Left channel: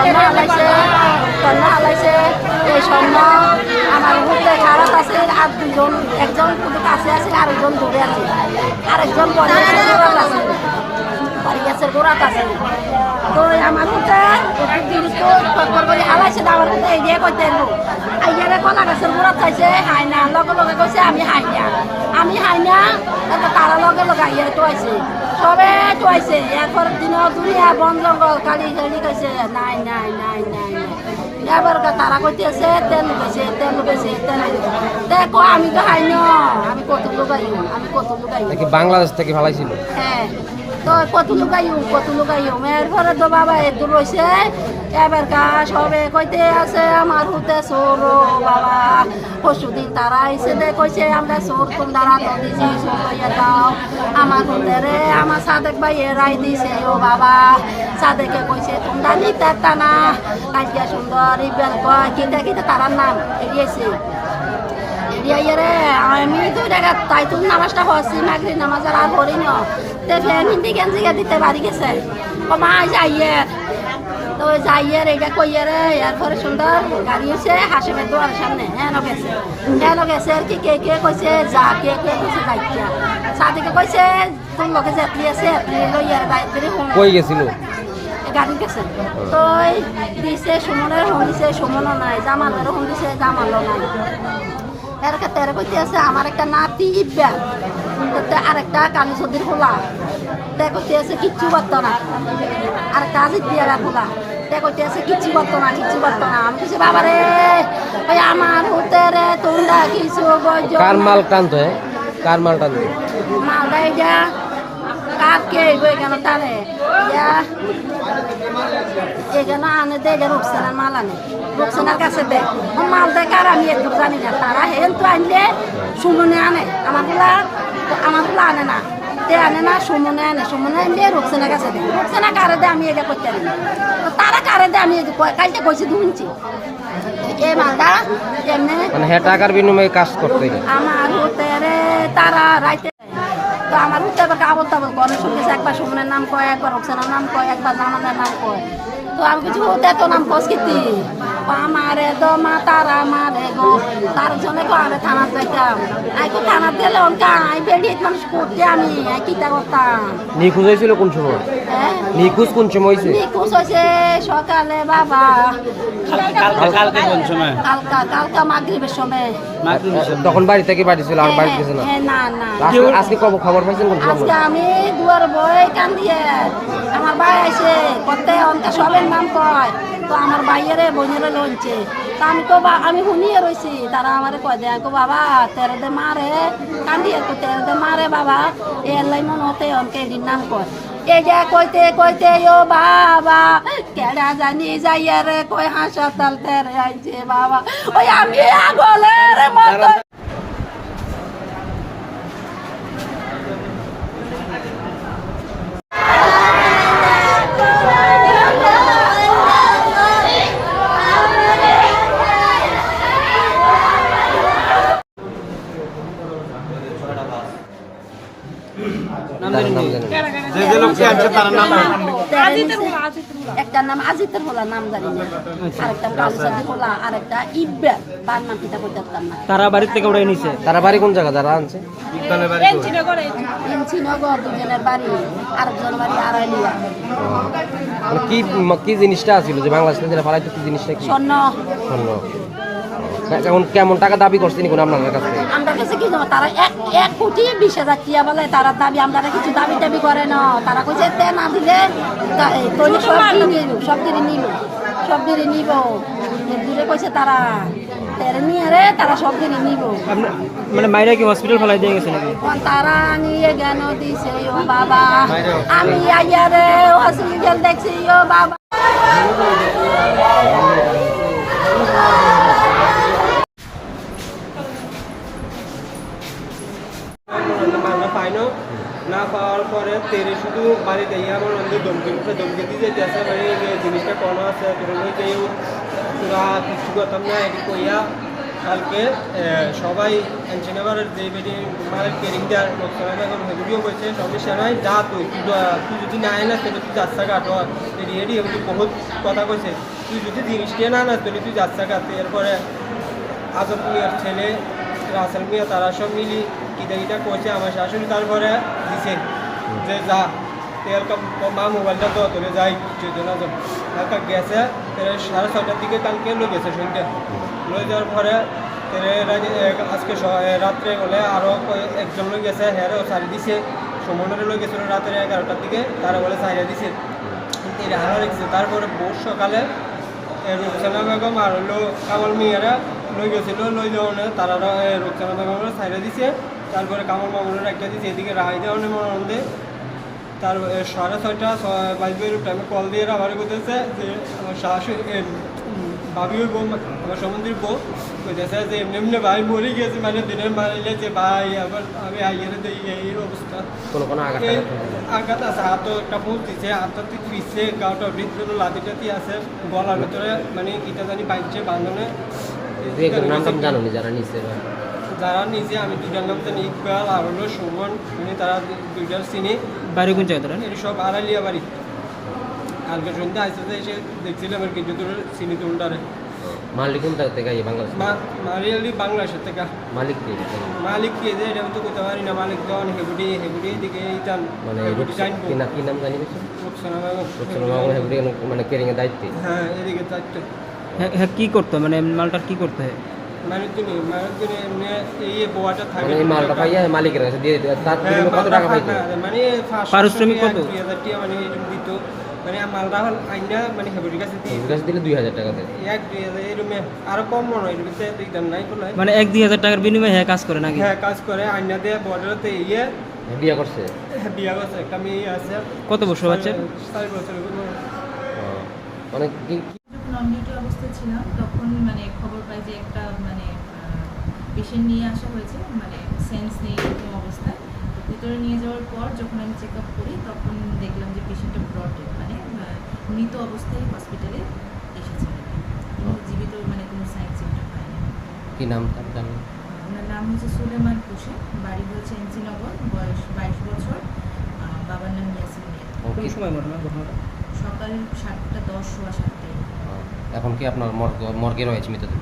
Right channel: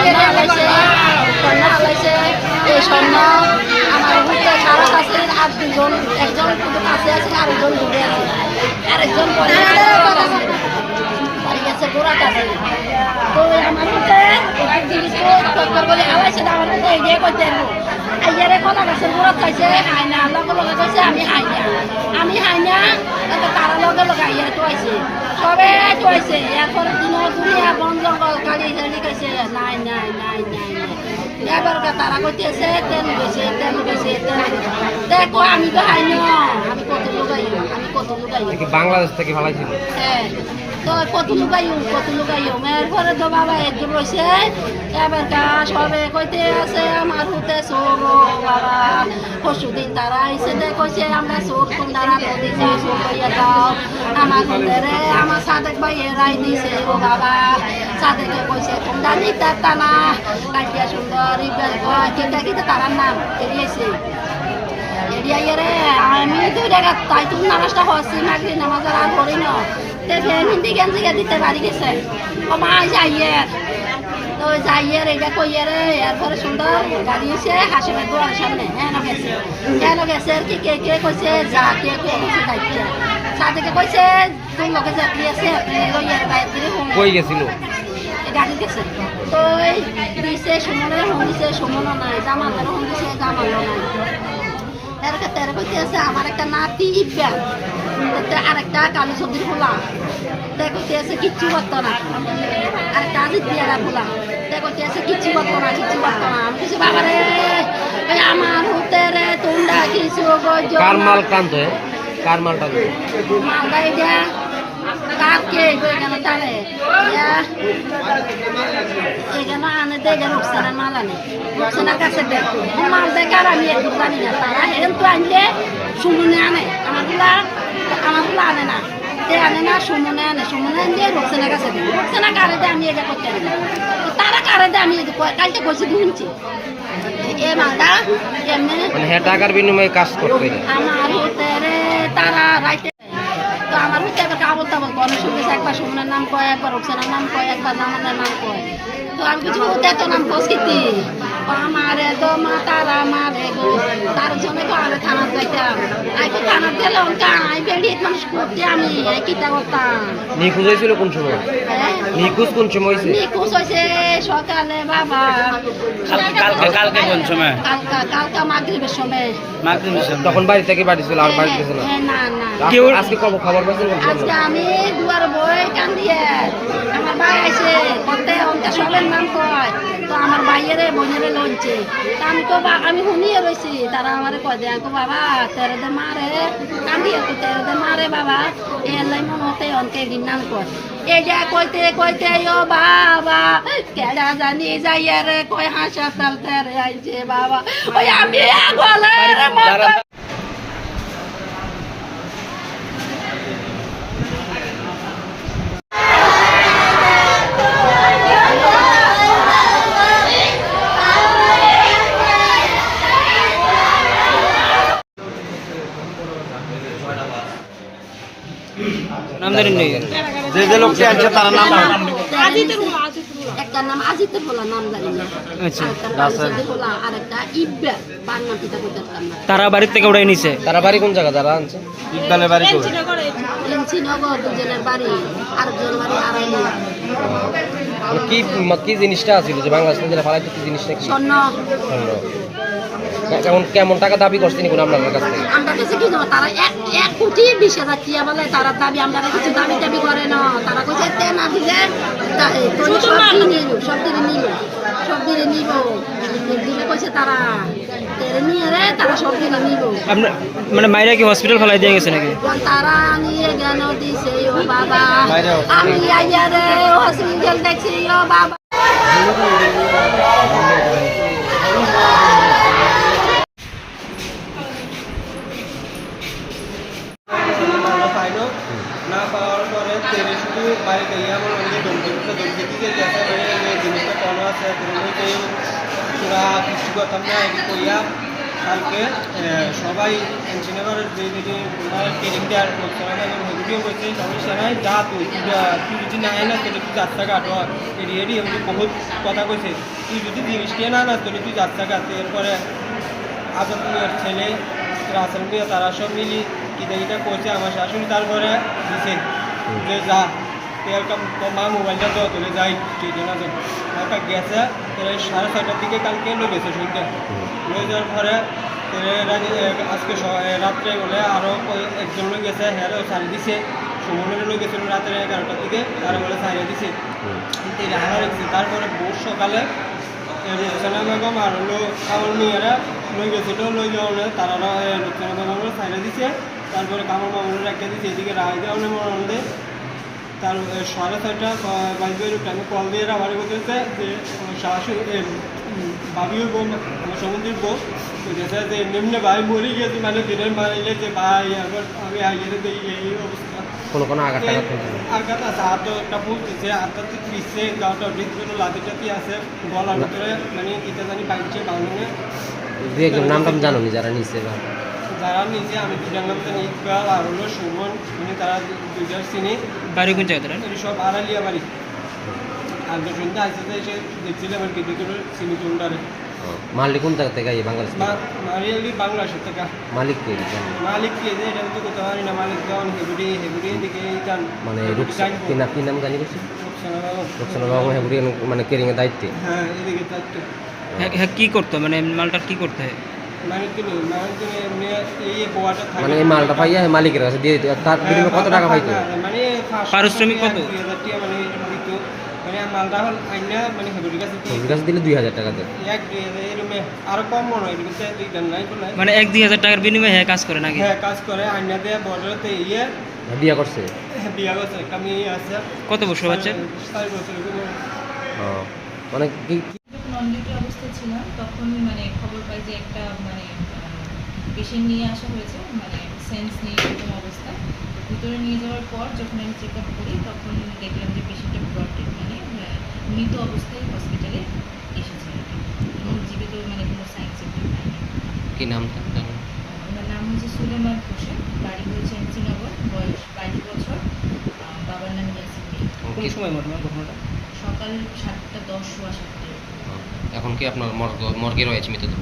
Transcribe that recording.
স্বর্ণ হালাইছে স্বর্ণ হালাইছে এই স্বর্ণ আমার ঘুরতে খারাপ আছে আর দুজন একজন শুধু কাছে আছে, আরেকজন দূরে আছে। আরেকজন পরে গেছে, গোড়াত আছে। পরে গেছে, গোড়াত আছে। তো আমার মতে একটু জিনিস তো তৎপর করে হালাইছে আমার মতে এই দিয়ে করতে আইয়ারে কলা গাছের গোড়াত খাইছে হাই না, লগে লগে কইছে, আমি হাই না। আমি হাই না, তারা লগে লগে আইয়ারে তো সবে কইছে এরপর দিন দুনিয়া বন জঙ্গল কালি কালি কইছে নাই নাই নাই নাই এবার তারা কইতেছে তেল কইছে তেল কইছে তেল দেখো আমি তো হাই আমি কত লোক আমি কত লোক বাংলাদেশ থেকে ভালাইছিল হ্যাঁ। তো কত লুকাইও কত লুকাইও ঘরে তো বাবা একটু রয়েছে এবার কা সবে কইতে আছে আমার হুতে সোর বাবা। পরশু দিন তারা আইসে দে কইছে আমরা সোর তোমরা রাতো দিছি সোর লইয়া দাও আমার হুতে রে আমার সাদেক ভাই এরাই দিছে ও বাবা। সাদেকে কইছে তোমরা নিতে না কাটিয়া সুন্দর ইবেল কয় কিতা কিতা তারার নাম এগিয়েছে এরিয়া ইয়ারে আমি তো দেখা তাই তুমি নামাজটা হচ্ছি নাকি নামাজ আর করি না দেখে হিন্দি জিগা দিতে বাড়ি গেছে। কমা যাইয়ে তো যাইয়ে রে এটা কইয়ে রে এরপরে সুন্দর গাড়ি এসে হাসিমের দোয়ার সামনে। হ্যাঁ গেছে। হ্যাঁ গেছে। কি কে কে কইছে? যা কে কে কইছে যাইছে সাদিকে কইছে তুই লোকে যাত্রী আছে লইয়ার বাইরে কই গেছিল? গাড়ি গেছে। তো দিছে সুমনের হুম দিছে সুমনও নাই জামানেরও হুম দিছে জামানও নাই। এর কাছে এর কইতে আছে আমার একটা নাতি ইব্বা। আরেকটা কালী ছবির খোলা। কইতে আছে কিচ্ছু করতো না। আরেকটা আজিত বিয়ারা খোলা। কইতে আছে কিচ্ছু করতো না কিচ্ছু করতো না। আমি কিছু বাবা রে ওই আমার হতে রে তোমরা কিছু গজ কার মাল টানতো হ্যাঁ? কার মাল টানতো? মালদা যা কার কে তারে ইয়া এখানে আনে দে গেল রুকসানার মাল আনে। রুকসানার কাছে দে মাল দে আমি একটু জানি না। তারা হেন তো আনলে সুমনে আনে। আমারগুলা আমারগুলা আনে না। তে আনে না সুমনে আনে। সুমনে আনলে রুকসানার কাছে দে রুকসানা কারে দে আমি এটা করতে তো তারা কারে দে আমি কালকে কইছি দুইছি এ মালদা এমনি মানে হ্যাঁ টাকার বিনিময়ে কাজ করতে আমার হতে রে তারা রাইতে তো আমার হতে একবার আবল তাবল করে। শুনতেছে একবার সুমনের নাম কয় একবার রোকসানের নাম কয় একবার জামানের নাম কয়। তো আমি কিছু হতে তো নাম কসকিতি আমারে দো মা তারা মারে গো। তার জন্য কো আরে থানার যাইতাম। আই তো থানার দিলে অনকা আই বেড়ি মানুষ করতে আমি আই কিতা করতাম। নিখোঁজ হয়েছিল কোন সময়? হ্যাঁ? নিখোঁজ কোন সময় হয়েছে? নিখোঁজ হয়েছে সকালে বাবা। কালকে কালকে কোন সময়? কালকা কালকা মাগরিবের সময়। মাগরিবের সময়। তখন বাড়ি থেকে বাড়ি ছিল আর বাড়ি গেছে না না। আজকে- আজকে খবর পাইছেন আজকে আমি দুয়ার বই কান দিয়ে আমার ভাই আইছে কতে অনকা সবের নাম কয়। তো আমার ভাইয়েরে বোনেরে লইছে তা আমি তো আমি শুনিয়ে রয়েছি তারা আমার কয় দেয় আমি বাবা তেরে দে মারে কান্দিয়ে তো তেরে দে মারে বাবা এর লাই মন হতে অনকে নাম কয়। এই যে কইতে কইতে ও বাবা, কেডা জানি যাইয়ে রে কই হাসপাতাল তেরে আইছে বাবা। ওই আমি আগলের মতো তার নাম একটা নাম আজিতের হোলা নাম জানি না। আচ্ছা। আরেকটা পালসাদি হোলা আরেকটা ইব্বা। তার নাম পিতা কই করতাম না। তারা বাড়ির থেকে উড়াই নিছে। তারা বাড়ি কোন জায়গা? যারা আনছে। দুজনের বাড়ি আরেকজনের বাড়ি আড়াইলিয়া। মানে কি কি জিনিসটা ছিল যে বাংলাদেশ কি জিনিসটা কি? স্বর্ণ। স্বর্ণ। কেমন কেমন টাকা দাবি করছেন কোন আপনার কাছ কাছে কি জানো তারা এক এক কোটি বিশ হাজার টিয়া বলে তারা দাবি আমরা কিছু দাবি দাবি করে না। তারা কইছে তে না দিলে সব দিনে নিল সব দিনে নিল সব দিনে নিব। দিলে কইছে তারা তেরে নিয়ে রে তারা সব দিনে নিব। মানে মাইরা কি হসপিটাল ফেলাই দিয়ে গেছে নাকি? তারা নিয়ে গেল দিছে ও বাবা? আমি আইয়া রে হসপিটাল দেখছি ও বাবা। তেরে শুধু বাড়িতে ইয়া আমার অন্য দমকি দিতে দমকি দিতে গেছে মানে জিনিসটা কোনো আছে পুরনো কেউ তোরা কিছু করতাম না এটি কইয়া কালকে সবাই ইঞ্জিনিয়ারের যে ট্রেনিং দেওয়ার লোকসান এবং হদিও কইছে সবাই সেনাই যা তুই তুই যদি না না তাহলে তুই যাত্রা কাটো এটি এমনি বহুত কথা কইছে তুই যদি জিনিসটা না না তাহলে তুই যাত্রা কাটতে এরপরে আজাদ মিয়ার ছেলে রাসেল মিয়া তারা সব মিলি কিটা কিটা করছে আমার শাশুড়ি তারপরে দিছে যে যা এরকম মা মোবাইলটা তো তোলে যাই না যাব একটা গেছে সাড়ে ছয়টার দিকে কালকে লো গেছে শরীরটা। লয়ে যাওয়ার পরে তাহলে আজকে রাত্রে গেলে আরও একজন লোক গেছে হ্যাঁ সারি দিছে। সুমনের লোক গেছিল রাত্রে এগারোটার দিকে, তারা বলে সারিয়ে দিছে। এটা রেখেছে। তারপরে ভোর সকালে রুকসানা বেগম আর হলো কামাল মিয়ারা লই গেছিল। লই যাওয়ানে তারা রুকসানা বেগমের সাইডে দিছে। তারপরে কামাল মামুনের একটা দিছে। এদিকে রায় দেওয়ানে মনে তার সাড়ে ছয়টা বাজবে টাইমে কল দিয়ে আমার বলতেছে যে আমার উম, ভাবি ওই বউ আমার সমুদ্রের বউ বলতেছে যে এমনি এমনি ভাই মরে গেছে মানে দিনের মারিলে যে ভাই আবার আমি আইয়ের দিই এই অবস্থা। আঘাত আছে হাত কাপড় দিচ্ছে হাতটা পিসছে গাওটা ভিতরে লাতি টাতি আছে গলার ভিতরে মানে ইটা জানি বাইছে বাঁধনে। নাম জানো যারা নিচ্ছে যারা নিজে আমি দুটার নাম তো ইকবাল আর হলো সুমন। মানে তারা দু- দুইটার চিনি। বাড়ি কোন জায়গা তারা সব আড়ালিয়া বাড়ি। আর তো সন্ধ্যা আসতে এসে দেখছিলাম আর কি ভিতরে চিনি তুলটারে মালিক কোন জায়গা থেকে বাংলাদেশ থেকে? মারিয়ালি বাংলাদেশের থেকে। মালিক কে মালিক কে যে এটা আমি তো করতে পারি না মালিক যখন হেবুডি হেবুডি দিকে যান। মানে হেবুডি কি নাম কি নাম জানি বেগম। বাবু। হেবরি মানে কেরিং এর দায়িত্বে? হ্যাঁ এদিকে চারটে হ্যাঁ হ্যাঁ কী করতো? মানে মালটা কী করতে হয়? এই বোয়াটা থাকে মানে মালটা পাইয়া মালিকের কাছে দিয়ে দিত। তার হ্যাঁ, বিনিময়ে কত টাকা পাইতো? মানে পারিশ্রমিক কত? টাকা মানে এরকম দিত। মানে মালটা হল আইনা মানে কাছে দিয়ে কাছে দিলে টাকা দেয়। এক এরকম আরও কম মনে হয় এরকম দুই দাম নাই বলে। মানে এক টাকার বিনিময়ে হ্যাঁ কাজ করে নাকি? হ্যাঁ কাজ করে আইনা দিয়ে বর্ডারতে ইয়ে। বিয়া করছে? বিয়া করছে একটা মেয়ে আছে। কত বছর বছর মানে কি ডিউটি ছিলাম তখন মানে খবর পাই যে একটা মানে পেশেন্ট নিয়ে আসা হয়েছে মানে সেন্স নেই এরকম অবস্থা। ভিতরে নিয়ে যাওয়ার পর যখন আমি চেক আপ করি তখন দেখলাম যে পেশেন্টটা ব্রডেড মানে মৃত অবস্থায় হসপিটালে এসেছে আর কি। এবং জীবিত মানে কোনো সাইন সিমটম নাই কি নাম তার? ওনার নাম? হচ্ছে সুলেমান হোসেন বাড়ি হয়েছে এমসিনগর বয়স বাইশ বছর বাবার নাম ইয়াসিন কোন সময় ঘটনা ঘটনাটা? সকাল সাতটা দশ সোয়া সাতটায়। এখন কি আপনার মর্গ মর্গে রয়েছে মৃতদেহ?